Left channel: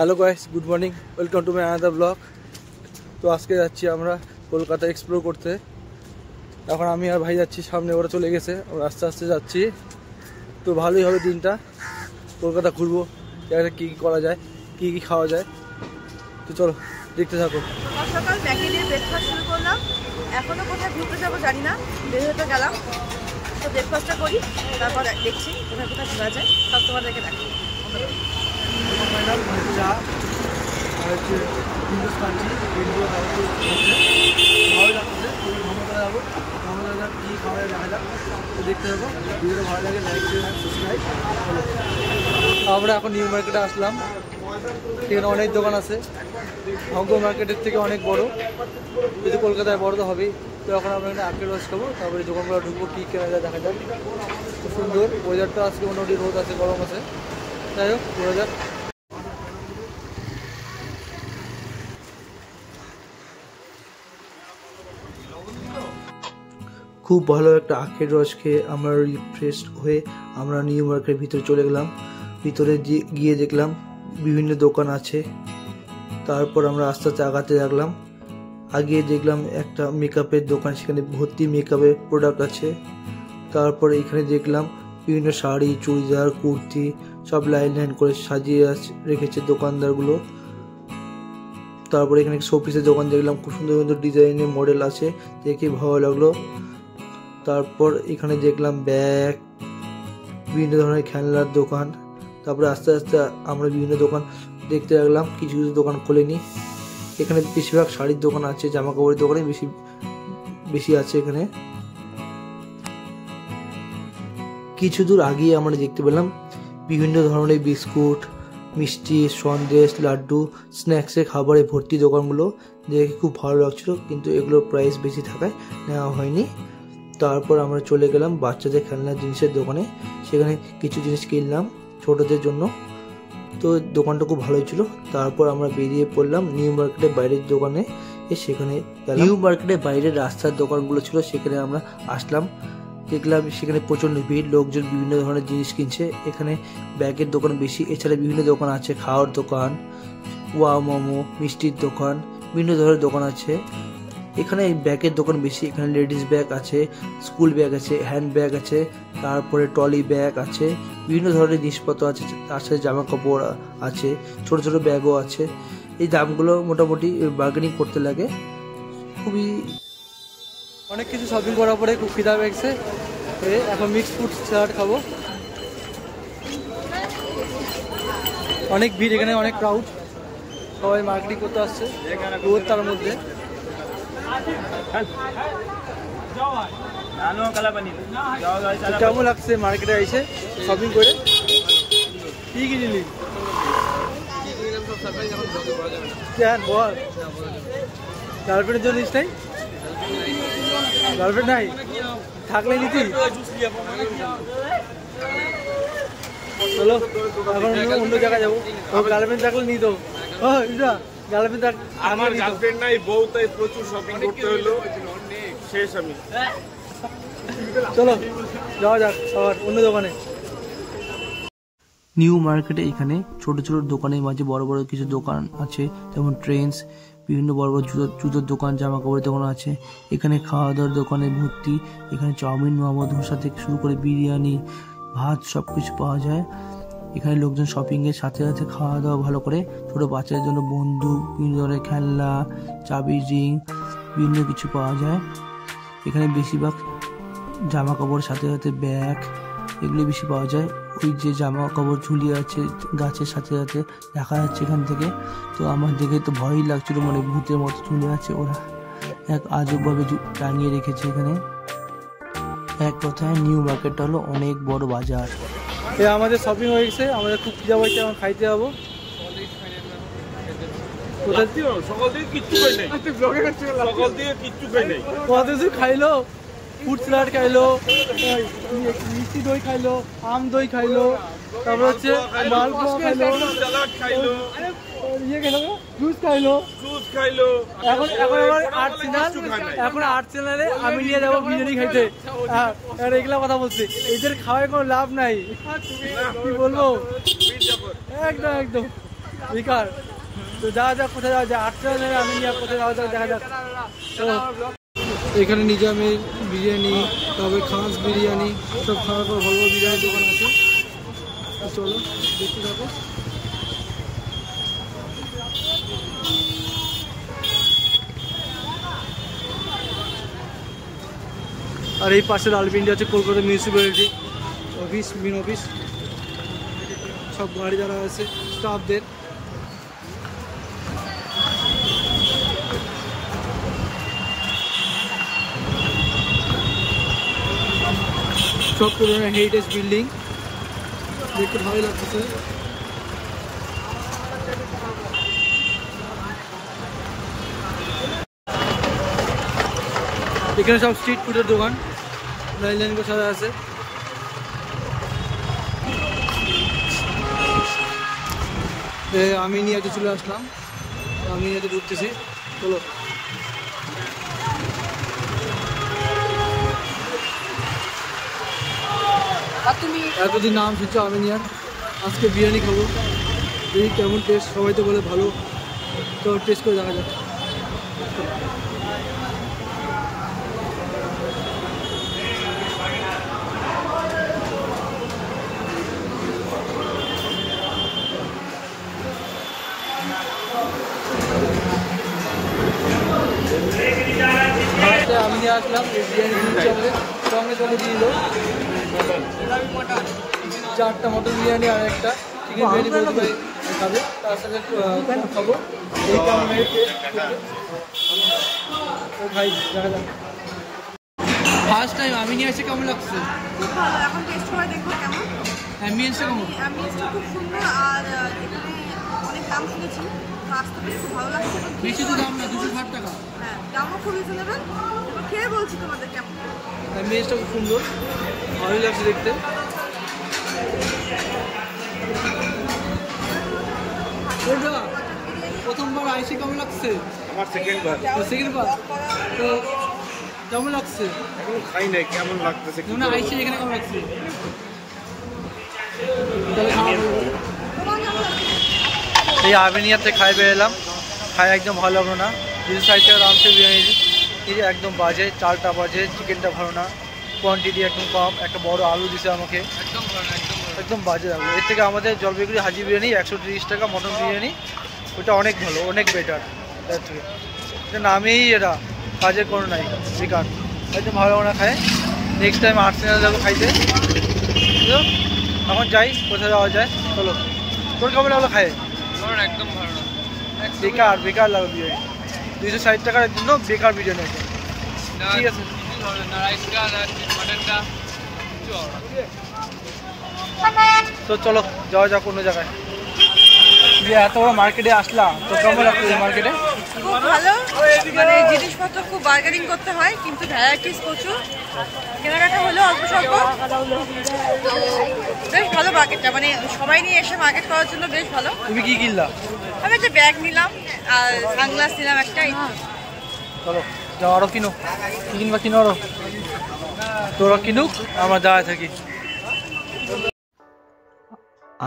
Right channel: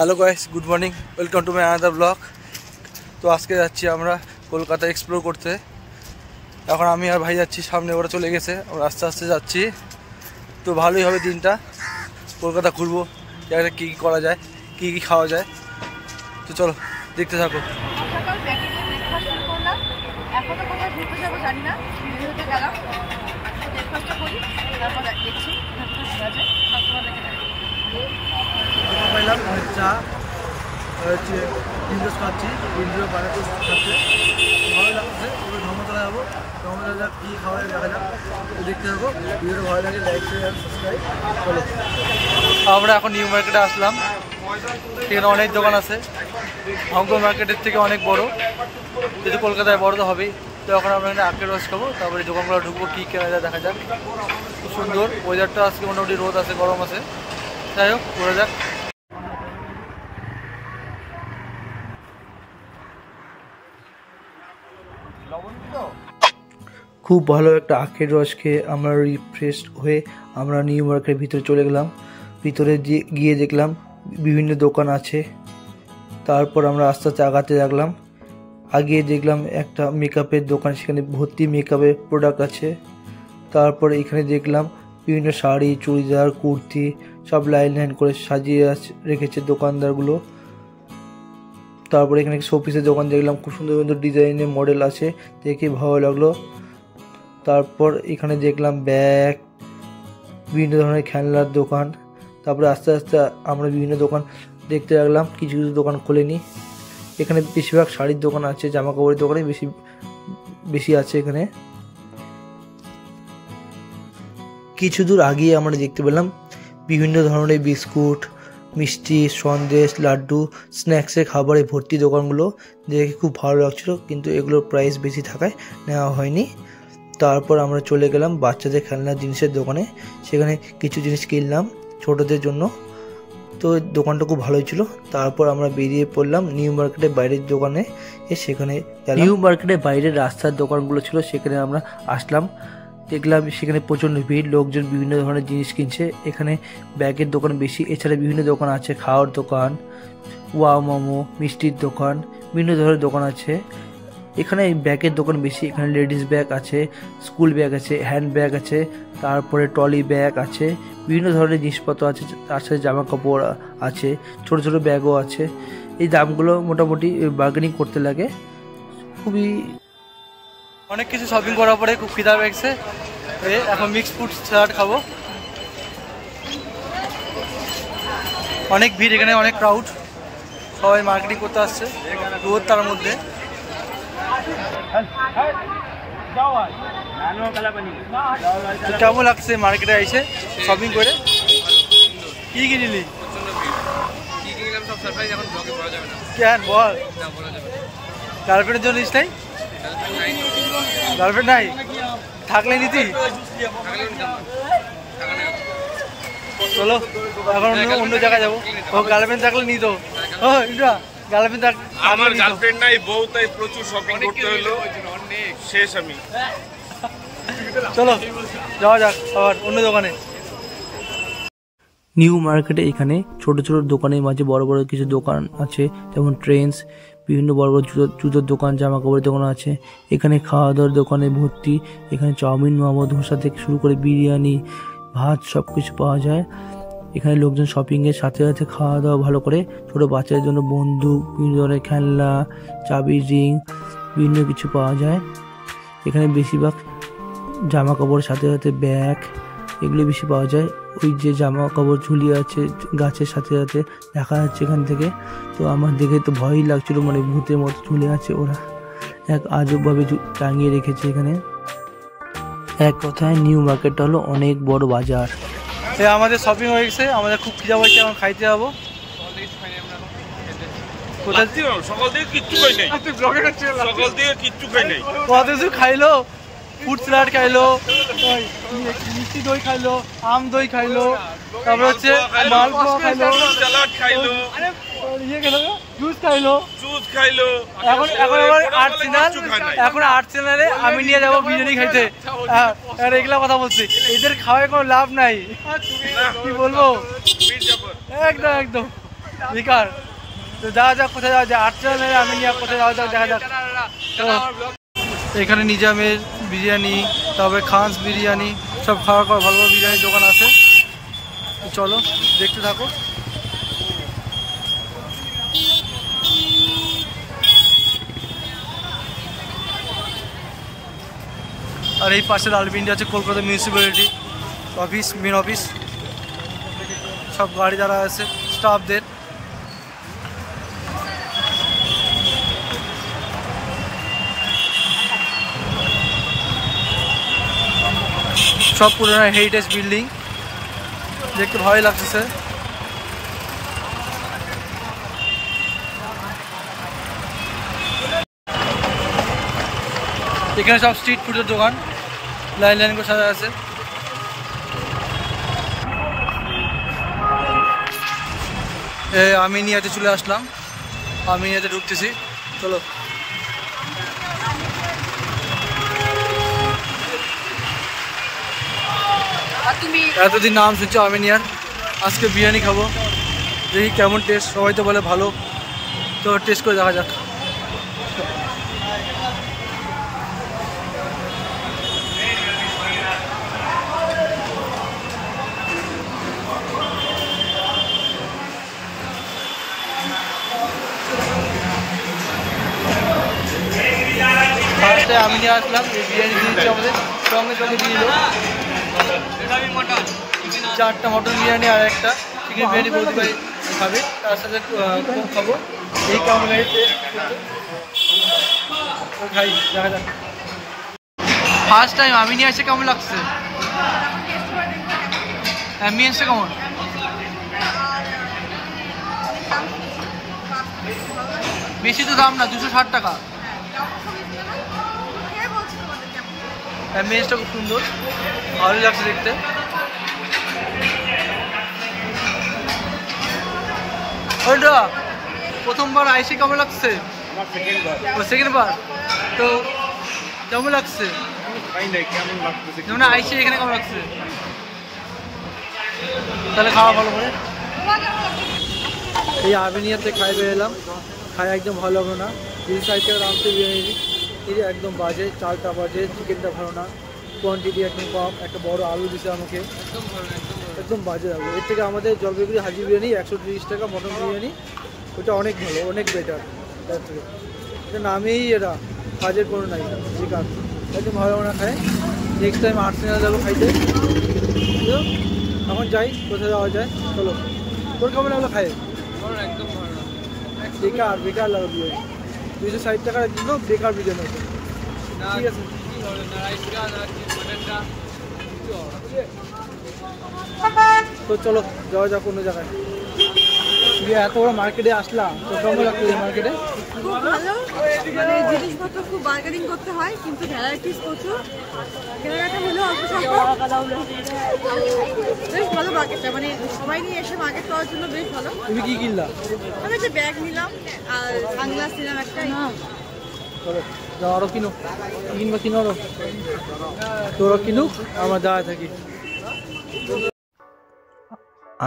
Hello guys, good morning, welcome to my another blog. তো আজকে যাচ্ছি আমরা কলকাতা এক্সপ্লোর করতে। এখন আমি আর ভাই যাচ্ছি, সামনে ওরা চলে গেছে, আমরা আস্তে আস্তে যাচ্ছি। তো ভালোই হবে দিনটা, কলকাতা ঘুরবো, জায়গাটা কী কী করা যায়, কী কী খাওয়া যায়। তো চলো দেখতে থাকো। সকাল ম্যাগি দিয়ে ব্রেকফাস্ট শুরু করলাম। এখনও কোথায় ঘুরতে যাবো জানি না, দেরি হতে গেলাম। তো ব্রেকফাস্টটা করি, তারপর দেখছি কোথায় কোথায় ঘোরা যায়, সব তোমাদেরকে দেখো। পাইলাম চা আর হচ্ছে ডিজোস খাচ্ছি, ডিজো বাজাতে খাচ্ছে, ভালোই লাগছে। এবার ধর্মতলা যাবো, ধর্মতলা কী খাওয়া যায় দেখা যাক। তো দেখতে থাকো, ভিডিওটা ভালো লাগে লাইক শেয়ার সাবস্ক্রাইব। চলো, আমরা এখন নিউ মার্কেটে আসলাম। এখানে অনেক দোকান আছে, হংকং মার্কেটের থেকে অনেক বড়, যেহেতু কলকাতায় বড় তো হবেই। তো এখন আমরা এখানে আখের রস খাবো, তারপরে দোকানগুলো ঢুকবো, কী কেনা যায় দেখা যাক। খুব সুন্দর ওয়েদারটা আজকে, মোটামুটি রোদ আছে, গরম আছে। যাই হোক, ঘোরা যাক। খুব ভালো একটা আখের রস খেয়ে আমরা রিফ্রেশ হয়ে আমরা নিউ মার্কেটের ভিতরে চলে গেলাম। ভিতরে গিয়ে দেখলাম বিভিন্ন দোকান আছে। তারপর আমরা আস্তে আস্তে আগাতে লাগলাম। আগিয়ে দেখলাম একটা মেকআপের দোকান, সেখানে ভর্তি মেকআপের প্রোডাক্ট আছে। তারপরে এখানে দেখলাম বিভিন্ন শাড়ি, চুড়িদার, কুর্তি সব লাইন লাইন করে সাজিয়ে রেখেছে দোকানদারগুলো। তারপরে এখানে শোপিসের দোকান দেখলাম, খুব সুন্দর সুন্দর ডিজাইনের মডেল আছে, দেখে ভালো লাগলো। তারপর এখানে দেখলাম ব্যাগ, বিভিন্ন ধরনের খেলনার দোকান। তারপরে আস্তে আস্তে আমরা বিভিন্ন দোকান দেখতে লাগলাম, কিছু কিছু দোকান খোলেনি। এখানে বেশিরভাগ শাড়ির দোকান আছে, জামা কাপড়ের দোকানে বেশি আছে এখানে। কিছু দূর আগিয়ে আমরা দেখতে পেলাম বিভিন্ন ধরনের বিস্কুট, মিষ্টি, সন্দেশ, লাড্ডু, স্ন্যাক্সের খাবারে ভর্তি দোকানগুলো দেখে খুব ভালো লাগছিল, কিন্তু এগুলোর প্রাইস বেশি থাকায় নেওয়া হয়নি। তারপর আমরা চলে গেলাম বাচ্চাদের খেলনার জিনিসের দোকানে, সেখানে কিছু জিনিস কিনলাম ছোটদের জন্য। তো দোকানটা খুব ভালোই ছিল। তারপর আমরা বেরিয়ে পড়লাম নিউ মার্কেটের বাইরের দোকানে। সেখানে নিউ মার্কেটের বাইরের রাস্তার দোকানগুলো ছিল, সেখানে আমরা আসলাম। দেখলাম সেখানে প্রচণ্ড ভিড়, লোকজন বিভিন্ন ধরনের জিনিস কিনছে। এখানে ব্যাগের দোকান বেশি, এছাড়া বিভিন্ন দোকান আছে, খাওয়ার দোকান, ওয়া মোমো, মিষ্টির দোকান, বিভিন্ন ধরনের দোকান আছে। এখানে ব্যাগের দোকান বেশি, এখানে লেডিস ব্যাগ আছে, স্কুল ব্যাগ আছে, হ্যান্ড ব্যাগ আছে, তারপরে ট্রলি ব্যাগ আছে, বিভিন্ন ধরনের জিনিসপত্র আছে। তার সাথে জামা কাপড় আছে, ছোট ছোট ব্যাগও আছে। এই দামগুলো মোটামুটি বার্গেনিং করতে লাগে। খুবই অনেক কিছু শপিং করার পরে খুব খিদা পেয়েছে। এখন মিক্স ফ্রুট স্যালাড খাবো। অনেক ভিড় এখানে, অনেক ক্রাউড, সবাই মার্কেটিং করতে আসছে, রোদ তার মধ্যে। কেমন লাগছে মার্কেটে এসে শপিং করে? কি কিনলি? কেন বল, গার্লফ্রেন্ডের জন্য নিস নাই? গার্লফ্রেন্ড নাই থাকলে নিতি? চলো এখন অন্য জায়গায় যাবো। ও গার্লফ্রেন্ড থাকলে নিত। ও ইন্দ্রা, গার্লফ্রেন্ড আমার গার্লফ্রেন্ড নাই, বউ, তাই প্রচুর শপিং করতে হলো, শেষ আমি। চলো যাওয়া যাক আবার অন্য দোকানে। নিউ মার্কেটে এখানে ছোট ছোট দোকানের মাঝে বড় বড় কিছু দোকান আছে, যেমন ট্রেন্ডস, বিভিন্ন বড় বড় জুতোর দোকান, জামা কাপড়ের দোকান আছে। এখানে খাওয়া দাওয়ার দোকানে ভর্তি, এখানে চাউমিন, মোমো, ধোসা থেকে শুরু করে বিরিয়ানি, ভাত সব কিছু পাওয়া যায়। এখানে লোকজন শপিংয়ের সাথে সাথে খাওয়া দাওয়া ভালো করে। ছোট বাচ্চাদের জন্য বন্দুক, বিভিন্ন ধরনের খেলনা, চাবি, রিং, বিভিন্ন কিছু পাওয়া যায়। এখানে বেশিরভাগ জামা কাপড়ের সাথে সাথে ব্যাগ, এগুলো বেশি পাওয়া যায়। ওই যে জামা কাপড় ঝুলিয়ে আছে গাছের সাথে সাথে দেখা যাচ্ছে এখান থেকে। তো আমার দেখে তো ভয়ই লাগছিল, মানে ভূতের মতো ঝুলে আছে ওরা, এক আজবভাবে টাঙিয়ে রেখেছে এখানে। এক কথায় নিউ মার্কেটটা হলো অনেক বড় বাজার। আমাদের শপিং হয়ে গেছে, আমাদের খুব খিদা হয়েছে, এখন খাইতে যাবো। খাইলো ফ্রুট স্যালাড খাইলো, মিষ্টি দই খাইলো, আম দই খাইলো, তারপর হচ্ছে মালপোয়া খাইলো, ইয়ে খেলো, জুস খাইলো। এখন আবার আর্টসেনালে আমি নিয়ে যাবো বিরিয়ানি খাইতে। এগুলা কথা বলছি, এদের খাওয়ায় কোনো লাভ নাই, কি বলবো। একদম একদম বেকার। তো যাওয়া যাক, কোথায় যাওয়া যায়, আটটা নেবে আমি নিয়ে কোথায় যাওয়া যাক দেখা যাক। তো এখানে নিজামের বিরিয়ানি, তারপরে খানস বিরিয়ানি, সব খাওয়া ভালো ভালো বিরিয়ানির দোকান আছে। চলো দেখতে থাকো। আর এই পাশে লালপিন্ডি আছে Kolkata municipality office, main office, সব গাড়ি যারা আছে স্টাফদের। সব পুরোনো হেরিটেজ বিল্ডিং, দেখতে ভালোই লাগছে স্যার। এখানে সব স্ট্রিট ফুডের দোকান লাইন লাইন করে সাজা আছে। আমিনিয়াতে চলে আসলাম, আমিনিয়াতে ঢুকতেছি। চলো এতদিন নাম শুনছি আমিনিয়ার, আজকে বিরিয়ানি খাবো, দেখি কেমন টেস্ট। সবাই তো বলে ভালো, তো টেস্ট করে দেখা যাক। ফার্স্টে আমি নিয়ে আসলাম, এই বিরিয়ানি দিয়েছি আমাদের সঙ্গে সঙ্গে দিয়ে দিল 4টা মটন বিরিয়ানি আর একটা চিকেন বিরিয়ানি বলতে পারি খাবে, তার সাথে কম খাবো। এই কেমন লাগে টেস্ট খাই দেখা যাক। ফার্স্ট টাইম আমি নিয়ে আসছে, কেমন লাগছে? অ্যাম্বিয়েন্সটা কেমন? বেশি তো দাম না, 260 টাকা। অ্যাম্বিয়েন্সটা খুব সুন্দর, ভালোই লাগছে দেখতে। প্রথমবার আইসি কেমন লাগছে? সেকেন্ড বার তো কেমন লাগছে? যেমন আইসি এখানে কেমন লাগছে? তাহলে খাওয়া ভালো করে। এই আমিনিয়াতে খাই বেরোলাম, খাই একদম ভালো লাগলো না। 260 টাকা দাম ছিল বিরিয়ানি, এই একদম বাজে, চালটা বাজে, চিকেনটা ভালো না, কোয়ান্টিটি একদম কম, একটা বড় আলু দিছে আমাকে, একদম ভালো না, একদম বাজে লাগলো। এর থেকে আমাদের জলপাইগুড়ি হাজি বিরিয়ানি 130 টাকা মটন বিরিয়ানি, ওটা অনেক ভালো, অনেক বেটার তার থেকে। এটা নামেই এরা, কাজের কোনো নাই, বেকার, একদম ভালো না খায়। নেক্সট টাইম আর্সেনাল যাবো খাইতে। এখন যাই, কোথায় যাওয়া যায় চলো। তোর কেমন লাগলো খায়? একদম ভালো না, বেকার বেকার লাগলো বিরিয়ানি, 260 টাকার জন্য বেকার বিরিয়ানি একদম। ঠিক আছে, তো চলো যাওয়া যাক অন্য জায়গায়। এত বড় মার্কেটে আসলাম, তো কেমন লাগলো এই মার্কেটে? খুব ভালো, মানে জিনিসপত্র খুব বার্গেনিং করতে হয়, কিন্তু ভ্যারাইটিস প্রচুর, কেনাকাটা হলো অল্প স্বল্প, তো বেশ ভালো মার্কেটটা, মানে সবাই নিয়ে এসে মার্কেট করার জন্য বেশ ভালো। তুমি কি কিনলা? আমি একটা ব্যাগ নিলাম আর সানগ্লাস নিলাম একটা। চলো যাও, আরো কিনো, কিনবা কিনো আরো, তোরা কিনুক, আমরা দাঁড়ায় থাকি।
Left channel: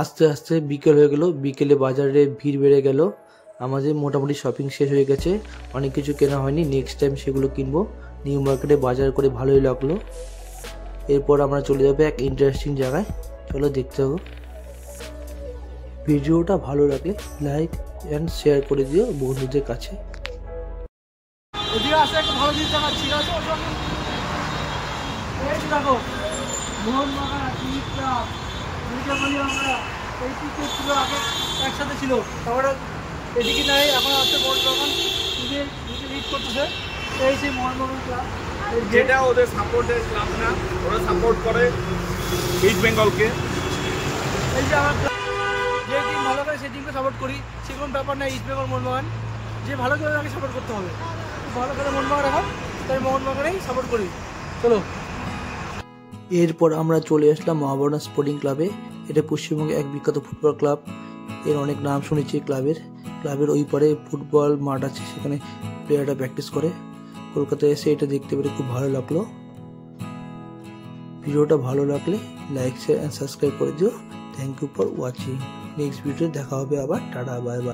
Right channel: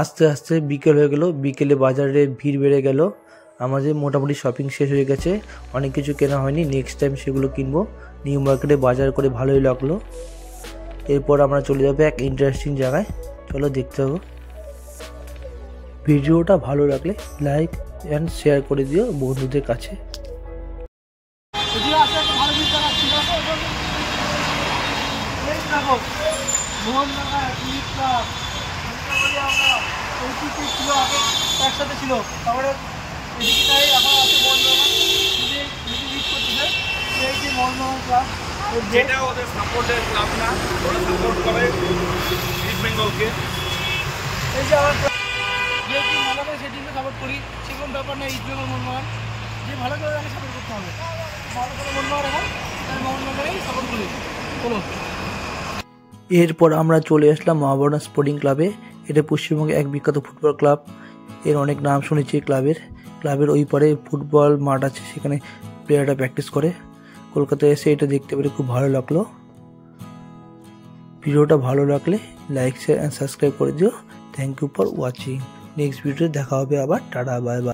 আস্তে আস্তে বিকেল হয়ে গেল, বিকেলে বাজারে ভিড় বেড়ে গেল। আমাদের মোটামুটি শপিং শেষ হয়ে গেছে, অনেক কিছু কেনা হয়নি, নেক্সট টাইম সেগুলো কিনবো। নিউ মার্কেটে বাজার করে ভালোই লাগলো। এরপর আমরা চলে যাবো এক ইন্টারেস্টিং জায়গায়, চলো দেখতে হবে। ভিডিওটা ভালো লাগলে লাইক অ্যান্ড শেয়ার করে দিও বন্ধুদের কাছে। ভালো জিনিস দেখাচ্ছি, বলি আমরা ওই ছিল আগে একসাথে ছিল, তারপরে এদিকে নেই, এখন আছে মোহনবাগান, লিড করতেছে এই যে মোহনবাগান ক্লাব, যেটা ওদের সাপোর্টের ক্লাব না, ওরা সাপোর্ট করে ইস্ট বেঙ্গলকে। এই যে আমার যে টিম ভালো করে সেই টিমকে সাপোর্ট করি, সেরকম ব্যাপার না। ইস্ট বেঙ্গল মোহনবাগান যে ভালো করে তাকে সাপোর্ট করতে হবে, ভালো করে মোহনবাগান এখন, তাই মোহনবাগানেই সাপোর্ট করি। চলো, এরপর আমরা চলে আসলাম মহাবরণা স্পোর্টিং ক্লাবে। এটা পশ্চিমবঙ্গে এক বিখ্যাত ফুটবল ক্লাব, এর অনেক নাম শুনেছি ক্লাবের ওই পারে ফুটবল মাঠ আছে, সেখানে প্লেয়াররা প্র্যাকটিস করে। কলকাতায় এসে এটা দেখতে পেরে খুব ভালো লাগলো। ভিডিওটা ভালো লাগলে লাইক শেয়ার অ্যান্ড সাবস্ক্রাইব করে দিও। Thank you for watching. Next ভিডিওতে দেখা হবে আবার। Tata, bye by.